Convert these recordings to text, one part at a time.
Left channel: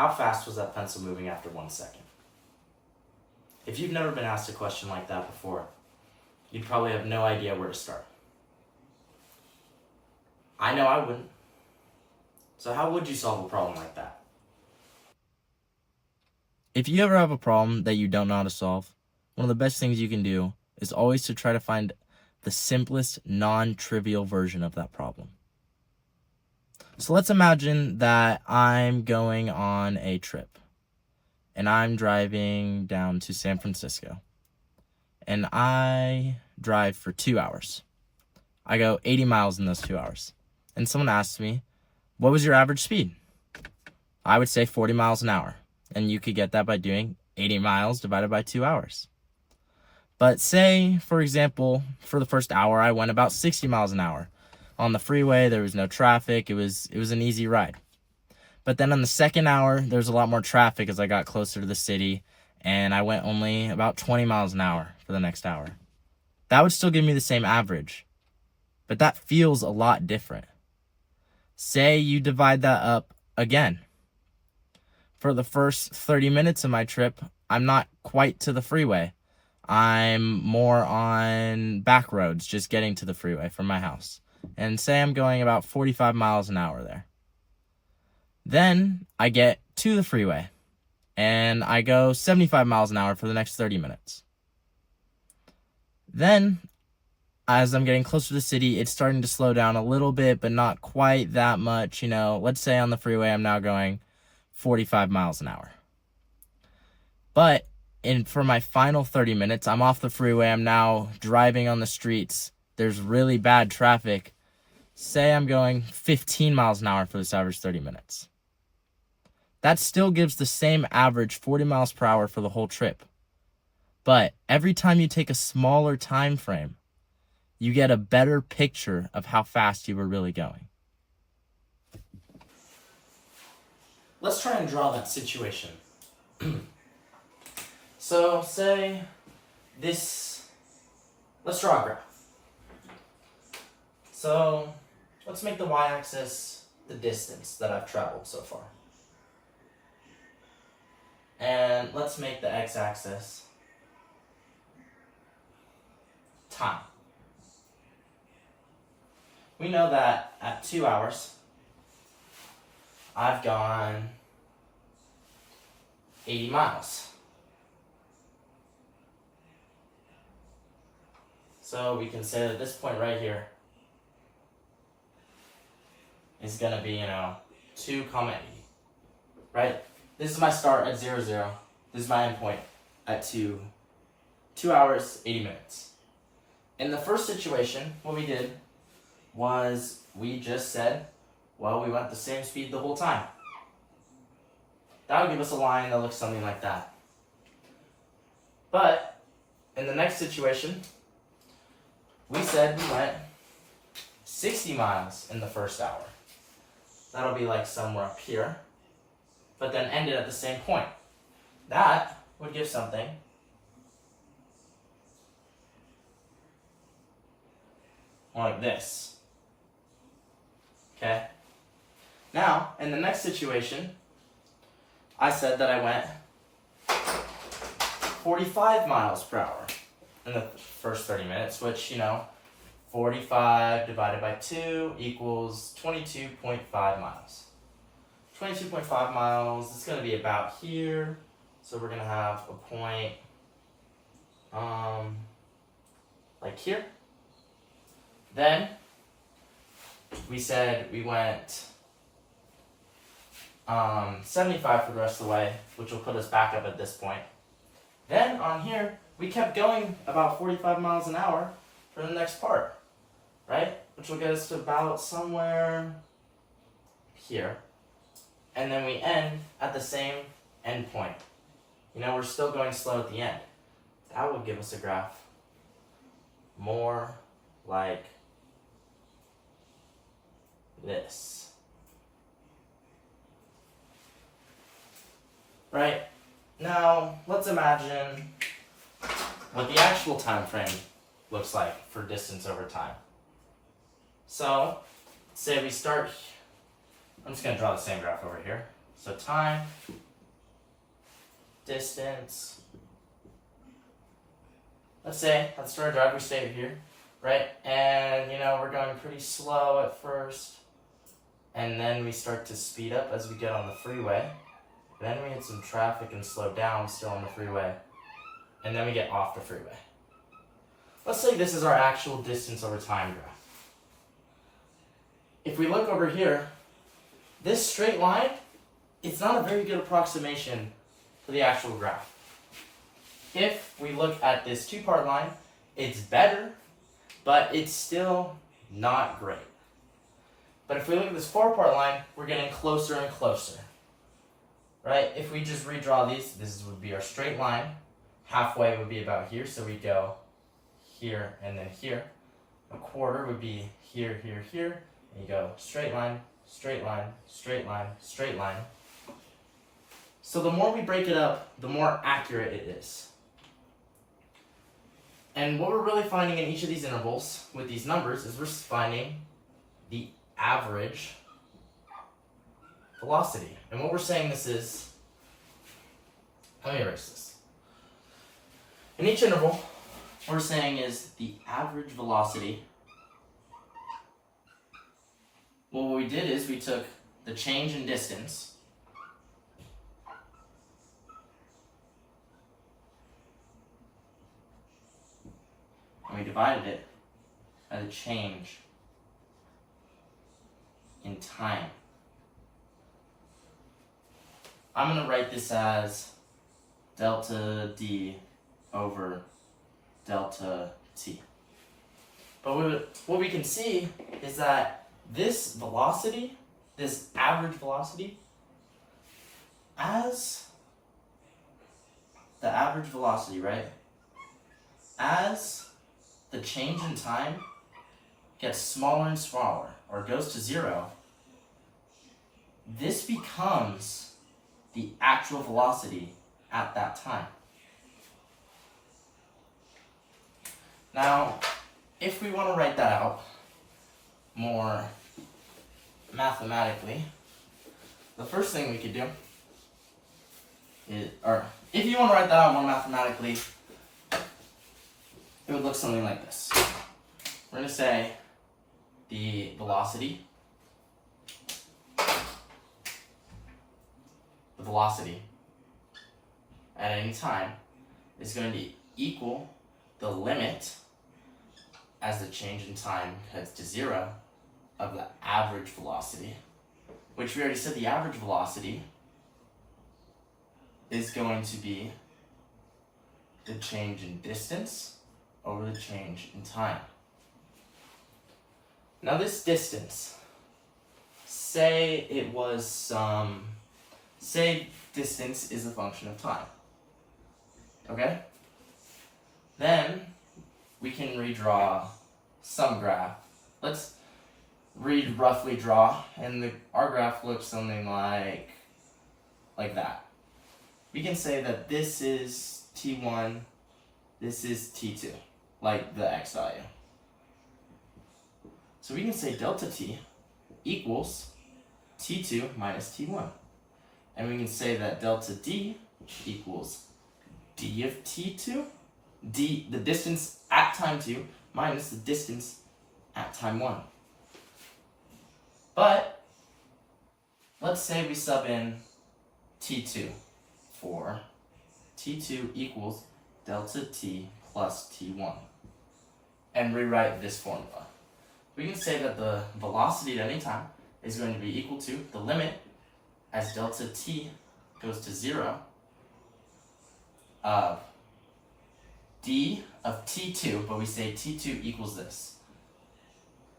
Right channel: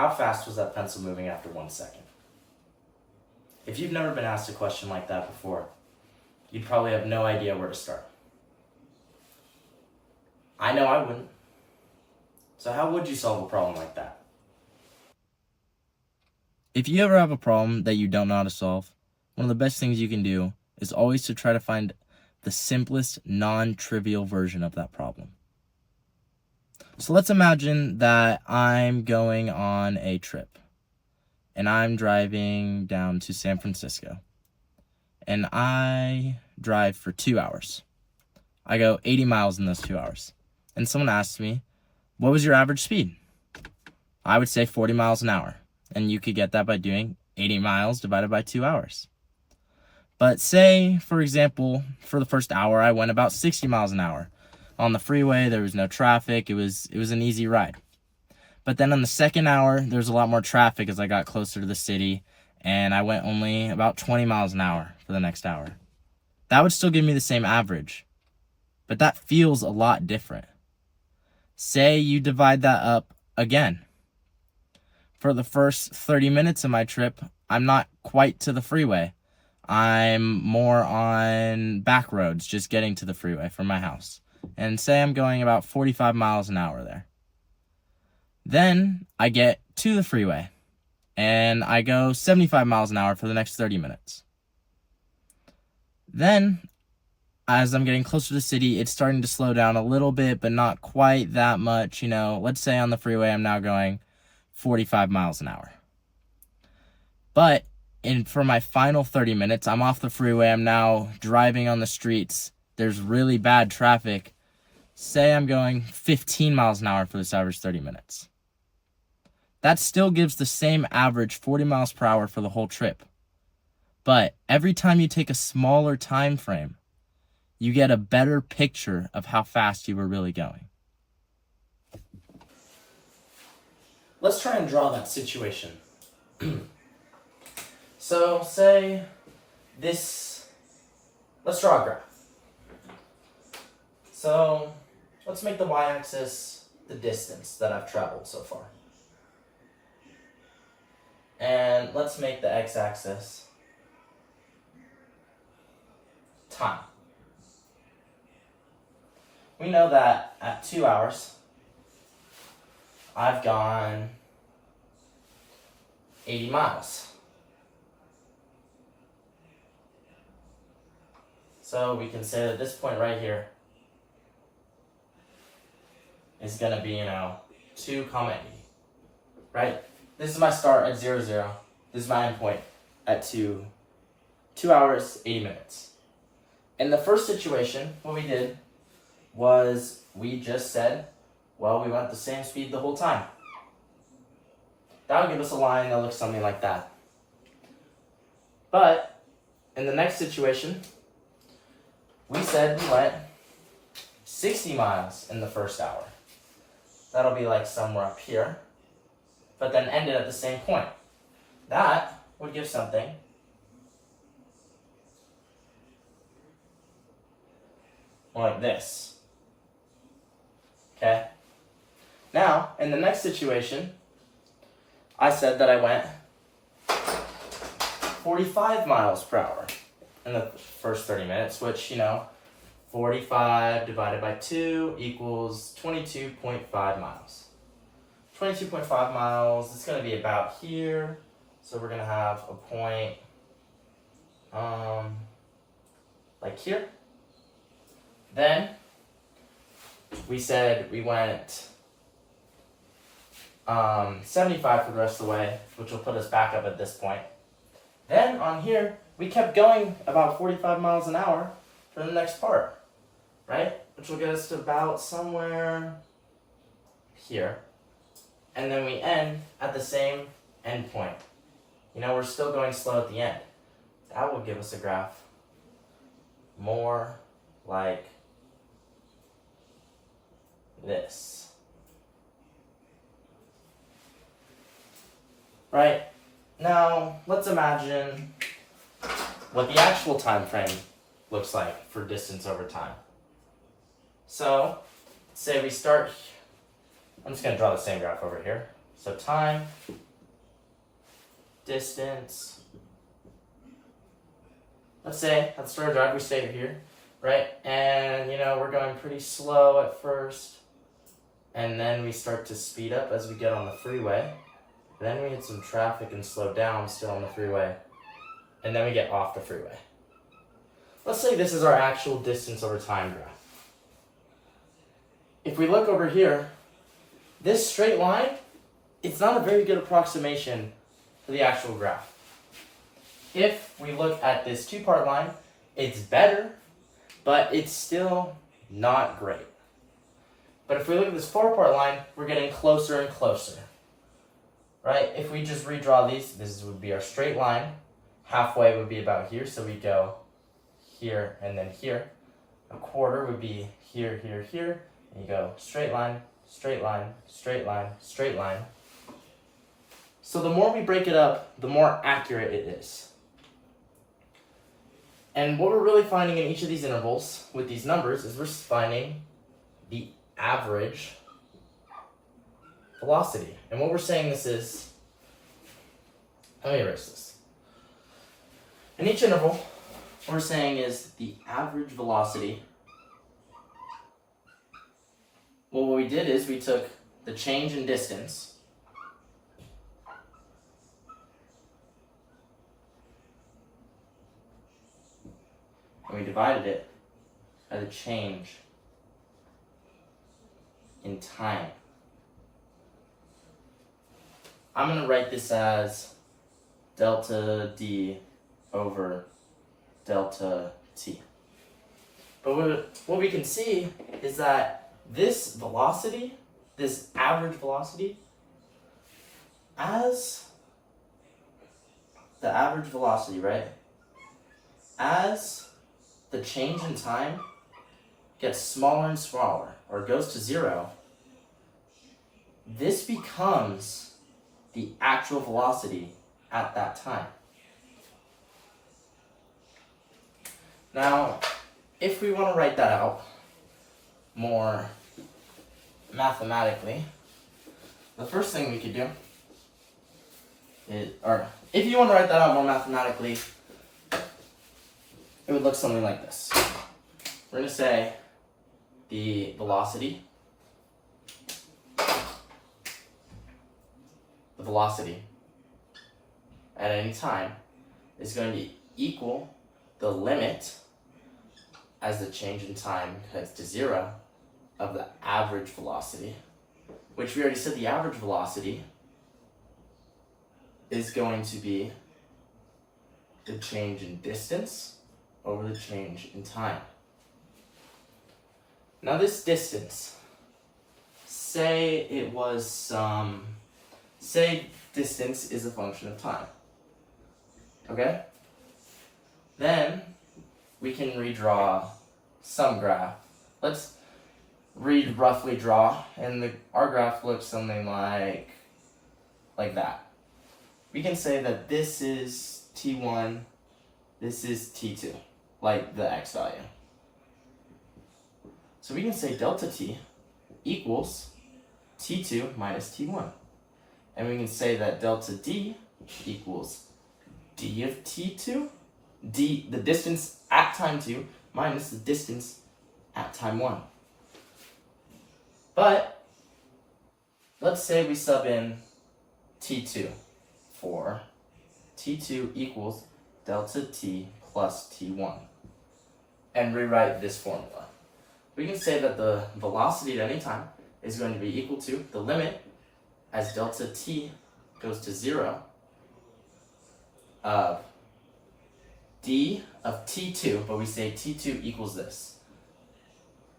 how fast was that pencil moving after 1 second? If you've never been asked a question like that before, you'd probably have no idea where to start. I know I wouldn't. So how would you solve a problem like that? If you ever have a problem that you don't know how to solve, one of the best things you can do is always to try to find the simplest, non-trivial version of that problem. So let's imagine that I'm going on a trip and I'm driving down to San Francisco and I drive for 2 hours. I go 80 miles in those 2 hours. And someone asks me, what was your average speed? I would say 40 miles an hour. And you could get that by doing 80 miles divided by 2 hours. But say, for example, for the first hour, I went about 60 miles an hour. On the freeway, there was no traffic. It was an easy ride. But then on the second hour, there was a lot more traffic as I got closer to the city, and I went only about 20 miles an hour for the next hour. That would still give me the same average, but that feels a lot different. Say you divide that up again. For the first 30 minutes of my trip, I'm not quite to the freeway. I'm more on back roads, just getting to the freeway from my house. And say I'm going about 45 miles an hour there. Then I get to the freeway and I go 75 miles an hour for the next 30 minutes. Then, as I'm getting closer to the city, it's starting to slow down a little bit, but not quite that much. Let's say on the freeway I'm now going 45 miles an hour. But for my final 30 minutes, I'm off the freeway. I'm now driving on the streets. There's really bad traffic. Say I'm going 15 miles an hour for this average 30 minutes. That still gives the same average 40 miles per hour for the whole trip. But every time you take a smaller time frame, you get a better picture of how fast you were really going. Let's try and draw that situation. So say let's draw a graph. So let's make the y-axis the distance that I've traveled so far. And let's make the x-axis time. We know that at 2 hours, I've gone 80 miles. So we can say that this point right here is going to be, 2, 80, right? This is my start at 0, 0. This is my end point at 2 hours, 80 minutes. In the first situation, what we did was we just said, well, we went the same speed the whole time. That would give us a line that looks something like that. But in the next situation, we said we went 60 miles in the first hour. That'll be like somewhere up here, but then ended at the same point. That would give something like this. Okay? Now, in the next situation, I said that I went 45 miles per hour in the first 30 minutes, which, 45 divided by 2 equals 22.5 miles. 22.5 miles, it's going to be about here. So we're going to have a point like here. Then we said we went 75 for the rest of the way, which will put us back up at this point. Then on here, we kept going about 45 miles an hour for the next part, right? Which will get us to about somewhere here. And then we end at the same end point. We're still going slow at the end. That will give us a graph more like this. Right? Now, let's imagine what the actual time frame looks like for distance over time. So, say we start, I'm just going to draw the same graph over here. So time, distance. Let's say, let's start a drive, we stay here, right? And, you know, we're going pretty slow at first. And then we start to speed up as we get on the freeway. Then we hit some traffic and slow down still on the freeway. And then we get off the freeway. Let's say this is our actual distance over time graph. If we look over here, this straight line, it's not a very good approximation for the actual graph. If we look at this two-part line, it's better, but it's still not great. But if we look at this four-part line, we're getting closer and closer. Right? If we just redraw these, this would be our straight line. Halfway would be about here, so we go here and then here. A quarter would be here, here, here. And you go straight line, straight line, straight line, straight line. So the more we break it up, the more accurate it is. And what we're really finding in each of these intervals with these numbers is we're finding the average velocity. And what we're saying this is, let me erase this. In each interval, what we're saying is the average velocity. Well, what we did is we took the change in distance and we divided it by the change in time. I'm going to write this as delta D over delta T. But what we can see is that this velocity, this average velocity, as the average velocity, right? As the change in time gets smaller and smaller, or goes to zero, this becomes the actual velocity at that time. Now, if we want to write that out more mathematically, the first thing we could do is, or if you want to write that out more mathematically, it would look something like this. We're going to say the velocity at any time is going to equal the limit as the change in time heads to zero of the average velocity, which we already said the average velocity is going to be the change in distance over the change in time. Now this distance, say it was say distance is a function of time, okay? Then we can redraw some graph. Let's roughly draw, and our graph looks something like that. We can say that this is T1, this is T2, like the x value. So we can say delta T equals T2 minus T1. And we can say that delta D equals D of T2, D, the distance at time 2, minus the distance at time 1. But let's say we sub in T2 for T2 equals delta T plus T1 and rewrite this formula. We can say that the velocity at any time is going to be equal to the limit as delta T goes to 0 of D of T2, but we say T2 equals this,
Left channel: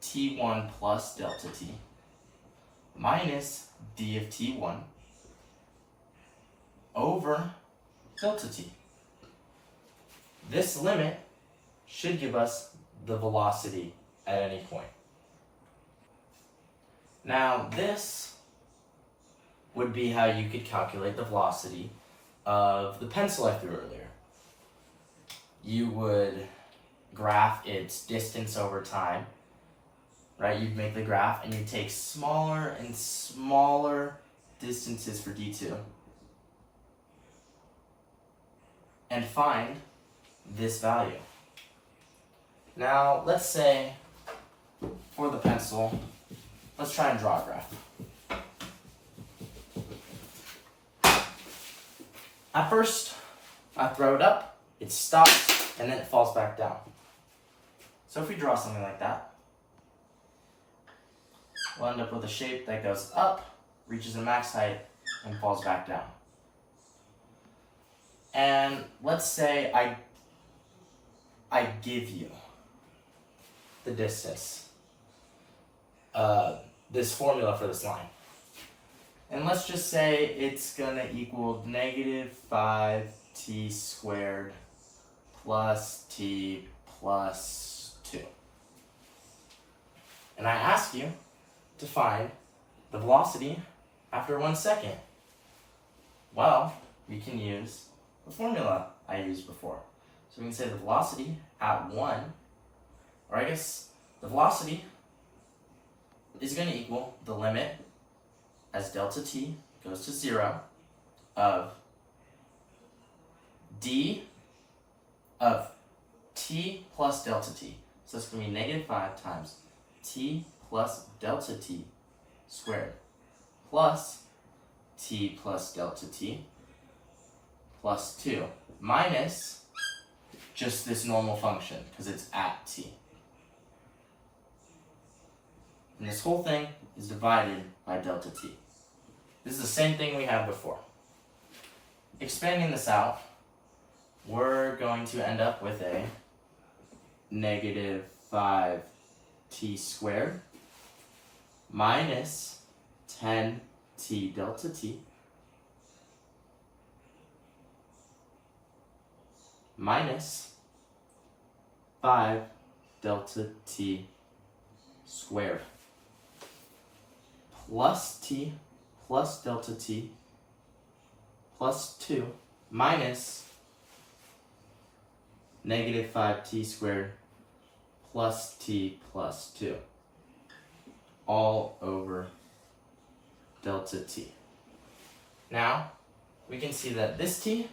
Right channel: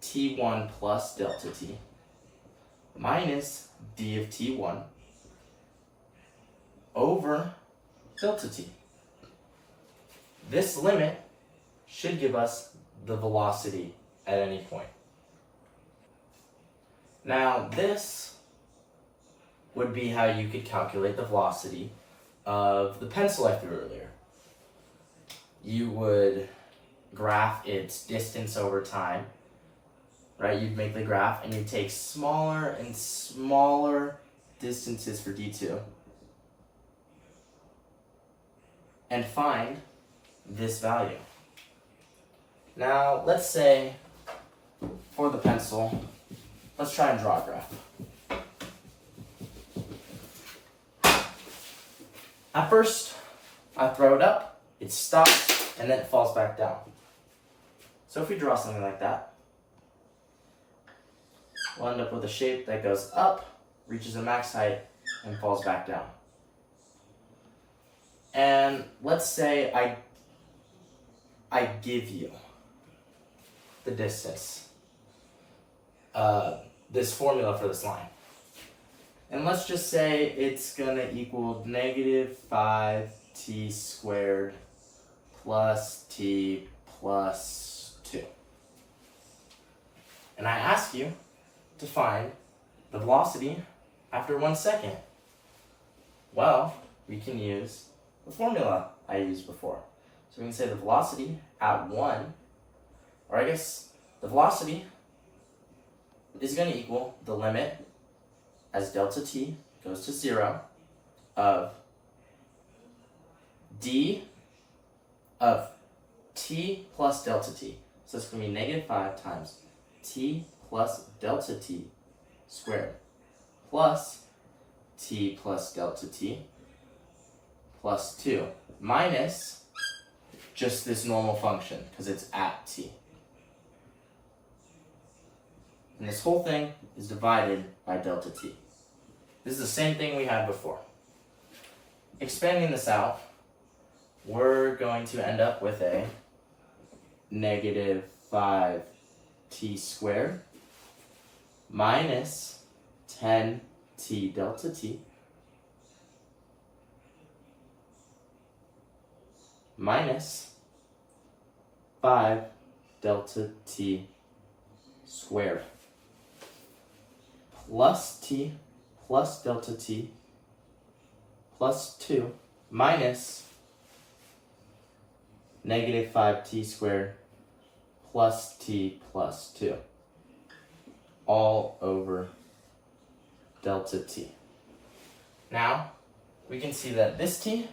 T1 plus delta T minus D of T1 over delta T. This limit should give us the velocity at any point. Now this would be how you could calculate the velocity of the pencil I threw earlier. You would graph its distance over time, right? You'd make the graph and you take smaller and smaller distances for D2 and find this value. Now, let's say for the pencil, let's try and draw a graph. At first, I throw it up, it stops, and then it falls back down. So if we draw something like that, we'll end up with a shape that goes up, reaches a max height, and falls back down. And let's say I give you the distance, this formula for this line. And let's just say it's going to equal negative 5t squared plus t plus 2. And I ask you to find the velocity after 1 second. Well, we can use the formula I used before. So we can say the velocity at 1, or I guess the velocity is going to equal the limit as delta t goes to 0 of d of t plus delta t. So it's going to be negative 5 times t plus delta t squared plus t plus delta t plus 2 minus just this normal function because it's at t. And this whole thing is divided by delta t. This is the same thing we had before. Expanding this out, we're going to end up with a negative 5t squared minus 10t delta t minus 5 delta t squared plus t plus delta t plus 2 minus negative 5t squared plus t plus 2 all over delta t. Now, we can see that this t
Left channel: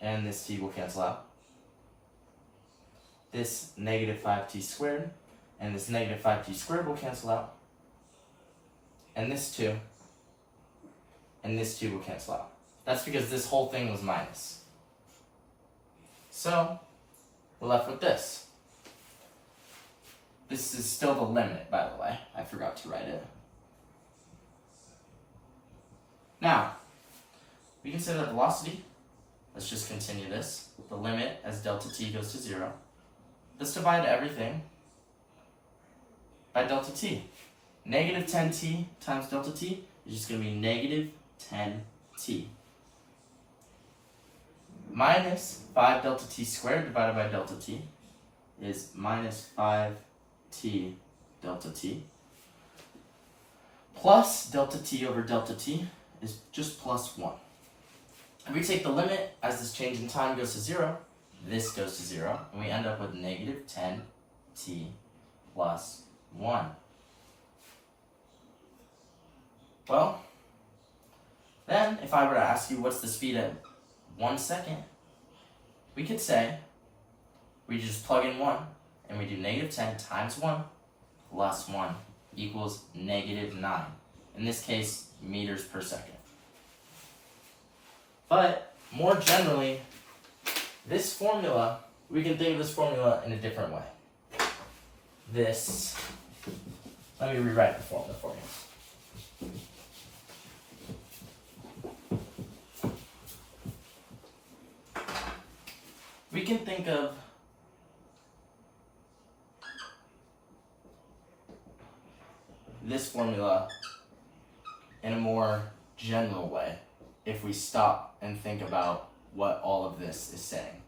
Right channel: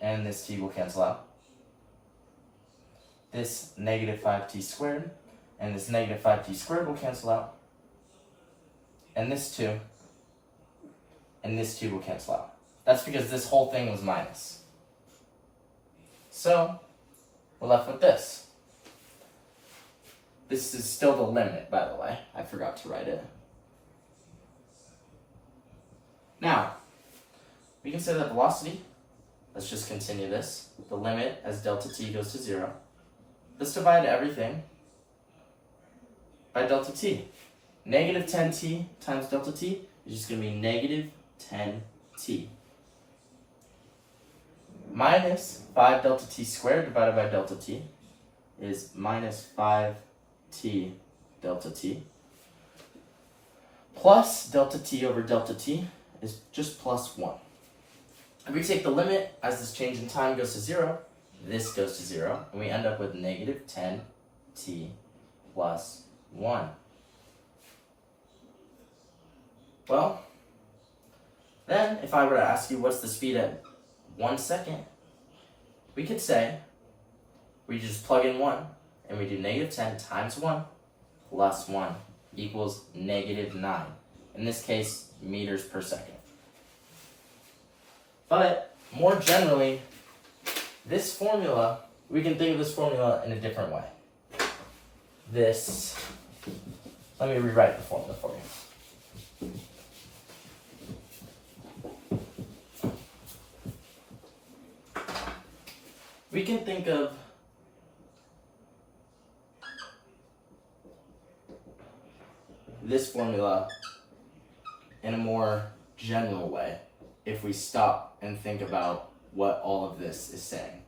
and this t will cancel out. This negative 5t squared and this negative 5t squared will cancel out. And this 2 and this 2 will cancel out. That's because this whole thing was minus. So, we're left with this. This is still the limit, by the way. I forgot to write it. Now, we can say that velocity, let's just continue this. The limit as delta t goes to 0. Let's divide everything by delta t. Negative 10t times delta t is just going to be negative 10t. Minus 5 delta t squared divided by delta t is minus 5t delta t. Plus delta t over delta t is just plus 1. If we take the limit as this change in time goes to 0, this goes to 0, and we end up with negative 10t plus 1. Well, then if I were to ask you what's the speed at 1 second, we could say we just plug in 1 and we do negative 10 times 1 plus 1 equals negative 9. In this case, meters per second. But more generally, this formula, we can think of this formula in a different way. Let me rewrite the formula for you. We can think of this formula in a more general way if we stop and think about what all of this is saying.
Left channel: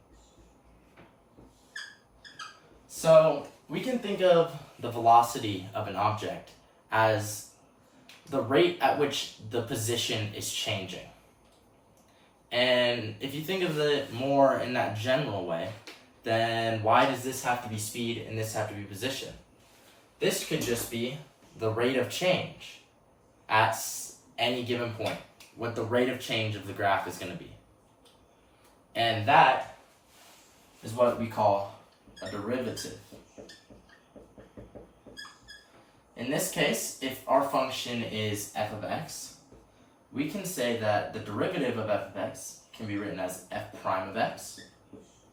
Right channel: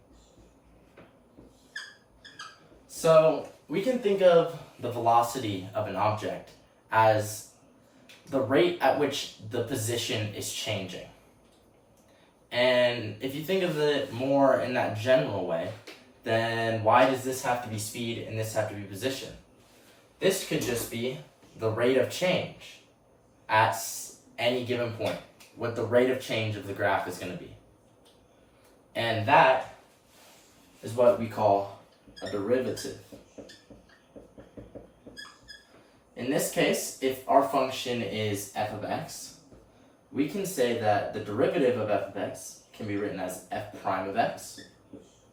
So we can think of the velocity of an object as the rate at which the position is changing. And if you think of it more in that general way, then why does this have to be speed and this have to be position? This could just be the rate of change at any given point, what the rate of change of the graph is going to be. And that is what we call a derivative. In this case, if our function is f of x, we can say that the derivative of f of x can be written as f prime of x,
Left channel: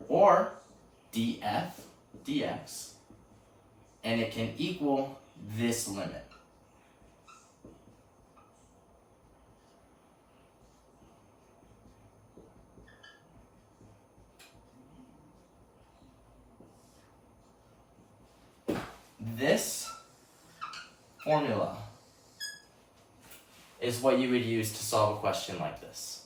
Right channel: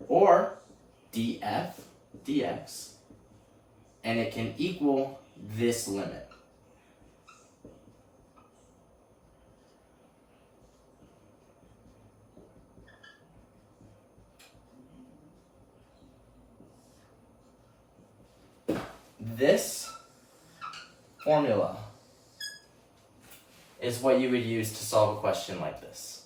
or df dx, and it can equal this limit. This formula is what you would use to solve a question like this.